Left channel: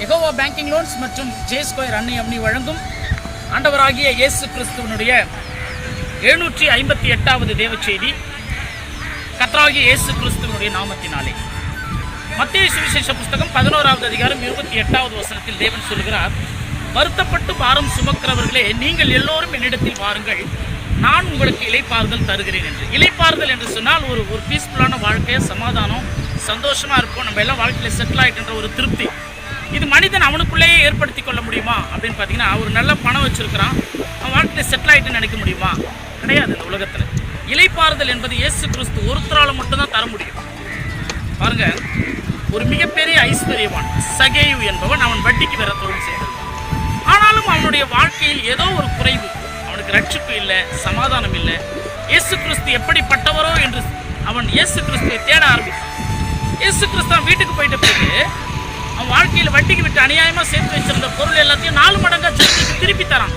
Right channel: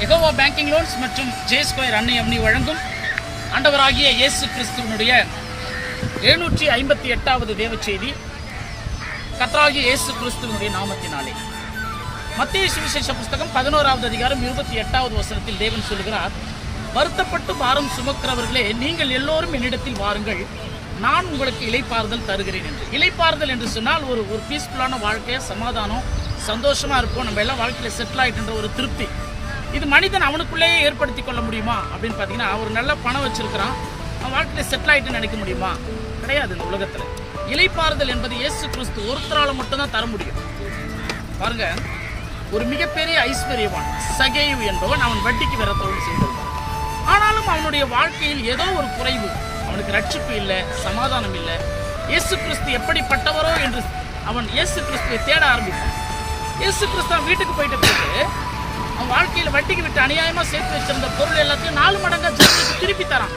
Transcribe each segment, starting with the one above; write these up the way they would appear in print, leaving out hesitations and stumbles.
Jehovah banking loans மற்றும் J square அன்னை அம்னி வழங்கும் ஆண்டவராகிய இயேசு கிறிஸ்துவனுடைய 758வது தேவ செய்தி. கர்த்தராகிய இயேசு கிறிஸ்துவனுடைய நாமத்தினாலே. மத்தேயு சுவிசேஷ புஸ்தகம் 11வது அதிகாரம் 28வது வசனத்தில் தேவன் சொல்கிறார், வருத்தப்பட்டு பாரம் சுமக்கிறவர்களே, நீங்கள் எல்லோரும் என்னிடத்தில் வாருங்கள், நான் உங்களுக்கு இளைப்பாறுதல் தருகிறேன் என்று. இளைப்பாறுதல் என்று சொன்னால் ஒரு பீஸ்ஃபுல்லான வாழ்க்கையை, சமாதானம், சந்தோஷமாக இருப்போம், நம்ம எல்லாம் வாழ்க்கையில் செட்டில் ஆகிட்டுன்ற ஒரு திருப்தி. இது மனிதன் அவனுக்குள்ளேயே ஏற்படுத்தி கொள்ள முடியுமா அப்படின்னு பார்த்தீங்கன்னா, ஒரு நல்ல பணம் வச்சுருக்கிறான், அவன் வாழ்க்கையில் செட்டில் ஆகிட்டுன்னு நினைக்க முடியுமா? கிடையாது. இந்த உலகத்தில் இளைப்பாறுதல் என்பது இயேசு கிறிஸ்து ஒருத்தரால் மட்டும்தான் தர முடியும். பாருங்க, ஒரு மிகப்பெரிய ஐஸ்வர்யவான் சகேயு என்பவன் அவன் வட்டிக்கு வேற தொழில் செய்திருந்தான். ஆனாலும் அவனுடைய வாழ்க்கையில் ஏதோ ஒரு குறைவு, அவனுக்கு ரட்சிப்பு இல்லை, சமாதானம் இல்லை. இயேசு கிறிஸ்து எப்படிப்பட்டவரோ என்று அவன் இயேசு கிறிஸ்துவை தேட ஆரம்பித்தான். இயேசு கிறிஸ்து வீட்டுக்கு போயிட்ட பிறகு அவன் வாழ்க்கையில் வட்டிக்கு விட்டு அநியாயமாக சேர்த்து வச்சிருந்த பொருள் எல்லாத்தையும் 4 மடங்கா திருப்பி தரான்.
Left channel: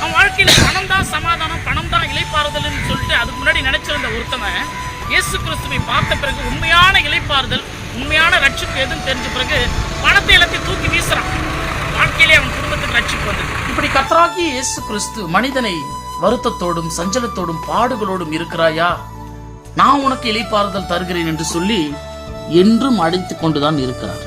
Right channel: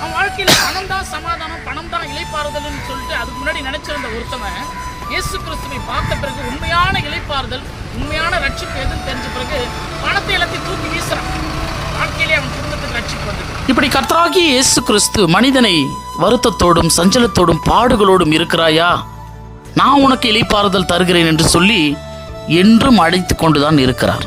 அவன் வாழ்க்கையில் பணம் தான் சமாதானம், பணம் தான் இளைப்பாறுதல்னு சொல்லிட்டு அதுக்கு முன்னாடி நினைச்சிருந்த ஒருத்தவன் இயேசு கிறிஸ்துவை பார்த்த பிறகு உண்மையான இளைப்பாறுதல், உண்மையான ரட்சிப்பு எதுன்னு தெரிஞ்ச பிறகு பணத்தை எல்லாத்தையும் தூக்கி வீசுறான். வாழ்க்கையிலே அவன் குடும்பத்துக்கு ரட்சிப்பு வந்தது. இப்படி கர்த்தராகிய இயேசு கிறிஸ்து மனிதனை வருத்தத்தோடும் சஞ்சலத்தோடும் பாடுகளோடும் இருக்கிறாயா, நான் உனக்கு இளைப்பாறுதல் தருகிறேன் என்று சொல்லி என்றும் அழைத்து கொண்டுதான் இருக்கிறார்.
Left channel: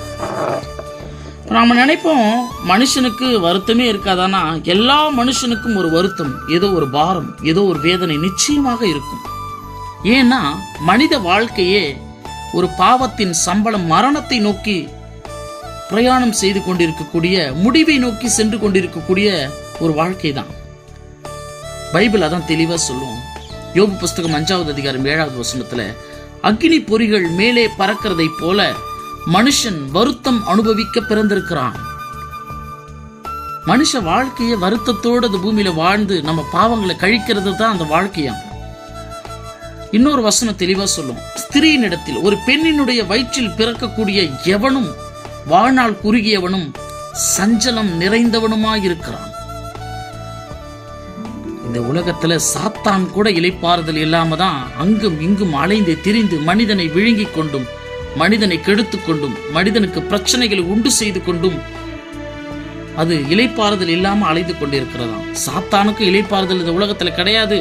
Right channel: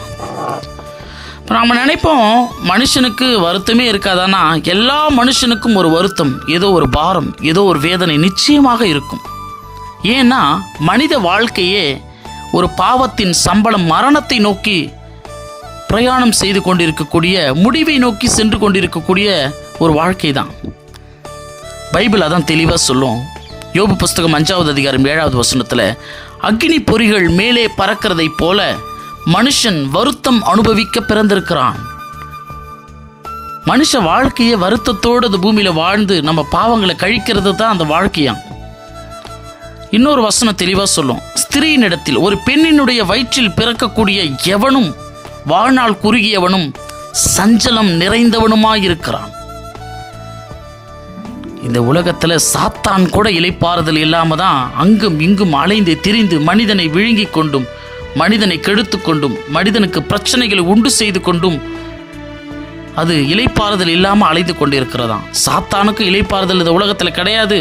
நம்ம நினைப்போம், மனுஷனுக்கு வருத்தமே இருக்காதானா? எல்லா மனுஷனுக்கும் ஒரு வருத்தம், ஏதோ ஒரு பாரம், ஏதோ ஒரு வேதனை நிச்சயமாக இருக்கும். ஏன்னா மனித வாழ்க்கையே ஒரு பாவத்தின் சம்பளம், மரணத்தை நோக்கி பிரயாணம் செய்து கொண்டிருக்கக்கூடிய, முடிவை நோக்கி சென்று கொண்டிருக்கக்கூடிய ஒரு வாழ்க்கை தான். பைபிள் அதான் தெளிவாக சொல்லும். யோபு புஸ்தகம் 5வது அதிகாரம் 7வது வசனத்தில், அக்னி பொறிகள் மேலே பறக்கிறதை போல மனுஷன் வருத்தம் அனுபவிக்க பிறந்திருக்கிறான். மனுஷ வாழ்க்கையை வருத்தத்தோடு அந்த பூமியில வாழ்ந்து நம்ம பாவங்களை கழிக்கிறது தான் அந்த வாழ்க்கையாம். இன்னொரு வசனம் தெளிவா சொல்லும், ஸ்திரீயின் இடத்தில், ஒரு பெண்ணினுடைய வயிற்றில் பிறக்கக்கூடிய எவனும் வாழ்நாள் குறுகியவனும் சஞ்சலம் நிறைந்தவனுமாயிருக்கிறான். இந்த உலகத்துல சாத்தான் கூட இளைப்பாறுதல் இல்லாம தான் அங்கும் இங்கும் அலைந்து திரிந்து மனிதனை விழுங்கி கொண்டும், மனிதனை கெடுத்து கொண்டும், மனிதனுக்கு பிரச்சனைகளை உண்டு செய்து கொண்டும் அது இளைப்பாறுதல் இல்லாம அலைந்து கொண்டிருக்கிறதாம். சாத்தானுக்கும் இளைப்பாறுதல் இந்த உலகத்துல கிடையாது,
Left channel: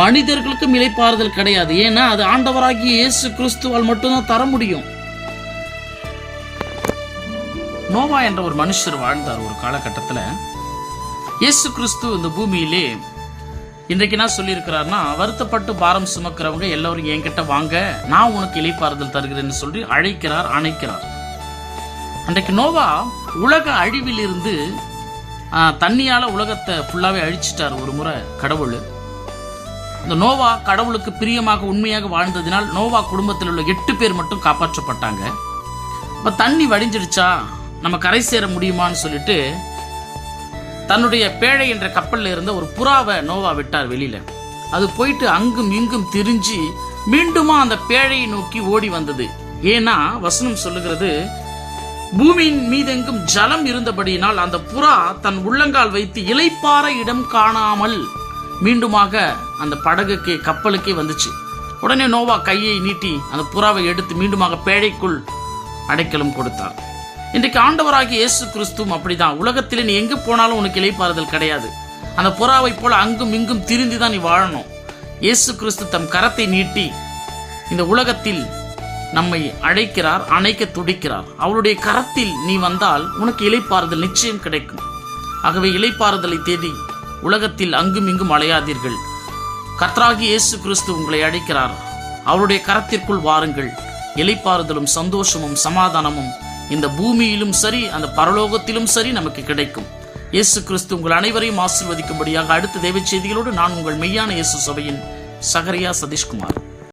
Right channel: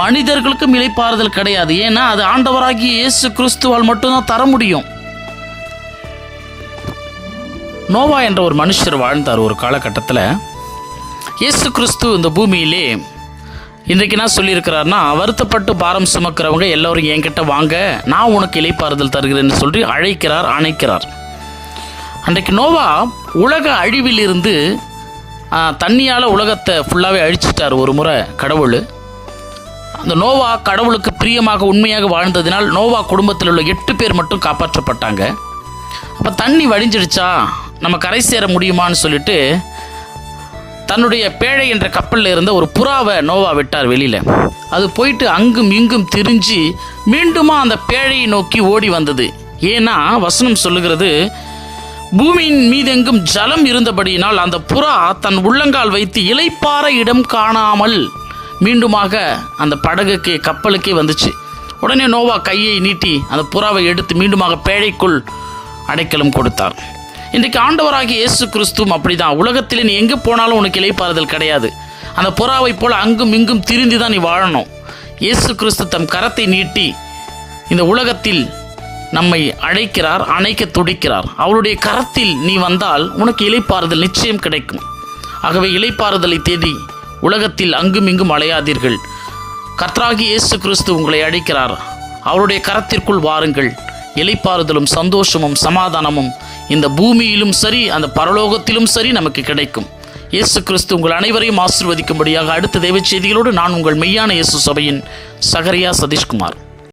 மனிதர்களுக்கும் இளைப்பாறுதல் கிடையாது. ஏன்னா அது ஆண்டவராகிய இயேசு கிறிஸ்துவால் மட்டும்தான் தர முடியும். நோவா என்ற ஒரு மனுஷர் வாழ்ந்தார் ஒரு காலகட்டத்தில். இயேசு கிறிஸ்து இந்த பூமியிலே இன்றைக்கு என்ன சொல்லியிருக்கிறார்னா, வருத்தப்பட்டு பாரம் சுமக்கிறவங்க எல்லோரும் என்கிட்ட வாங்க, நான் உனக்கு இளைப்பாறுதல் தருகிறேன்னு சொல்லி அழைக்கிறார், அணைக்கிறார். அன்றைக்கு நோவா உலக அழிவில் இருந்து தண்ணியால் உலகத்தை ஃபுல்லாகவே அழிச்சிட்டார் ஒரு முறை கடவுள். அந்த நோவா கடவுளுக்கு பிரியமாக உண்மையாக வாழ்ந்ததினால் நோவா குடும்பத்தில் உள்ள 8 பேர் மட்டும் காப்பாற்றப்பட்டாங்க. அப்போ தண்ணி வடிஞ்சிடுச்சா, நம்ம கரை சேர முடியுமான்னு சொல்லிட்டு தன்னுடைய பேழை என்ற கப்பலில் இருந்த ஒரு புறாவை நோவா விட்டார் வெளியில். அது போயிட்டு அங்கும் இங்கும் திரிஞ்சு மீண்டுமா அந்த பேழையை நோக்கி ஓடி வந்தது. ஏன்னா வசனம் சொல்லுகிறது, பூமியின் மீதெங்கும் ஜலம் இருந்தபடியினால் அந்த புறா தன் உள்ளங்கால் வைத்து இளைப்பாற இடம் காணாமல் மீண்டுமாக அந்த படகுக்கு கப்பலுக்கே வந்துச்சு. உடனே நோவா கையை நீட்டி அந்த புறாவை எடுத்து மீண்டுமாக பேழைக்குள் அடைக்கலம் கொடுத்தார். இன்றைக்கு ஆண்டவராகிய இயேசு கிறிஸ்துவும் அப்படிதான். உலகத்தில் நீ எங்கே போனாலும் உனக்கு இளைப்பாறுதல் கிடையாது. அந்த புறாவை போல அங்கும் இங்கும் திரிந்து தான் நீ வாழணும். இயேசு கிறிஸ்து தம் கரத்தை நீட்டி இந்த உலகத்தில் நம்மை அழைக்கிறார், அணைக்க துடிக்கிறார். அவருடைய கரத்தில் நீ வந்தால் உனக்கு இளைப்பாறுதல் நிச்சயம் கிடைக்கும். ஆகவே இளைப்பாறுதலை தேடி உலகத்தில் அங்கும் இங்கும் அலையாதீர்கள். கர்த்தராகிய இயேசு கிறிஸ்து உங்களை அழைக்கிறார். அவருடைய கரத்திற்குள் வாருங்கள். இளைப்பாறுதலும் சந்தோஷமும் சமாதானமும் இந்த பூமியிலும் சரி, அந்த பரலோகத்திலும் சரி நமக்கு கிடைக்கும். இயேசு கிறிஸ்து உங்கள் அனைவரையும் ஆசீர்வதிக்கும்படியாக அடுத்த தெய்வ செய்திகளோடு நான் உங்கள் மெய்யான இயேசு சபையின் சகரியா சதீஷ்குமார்.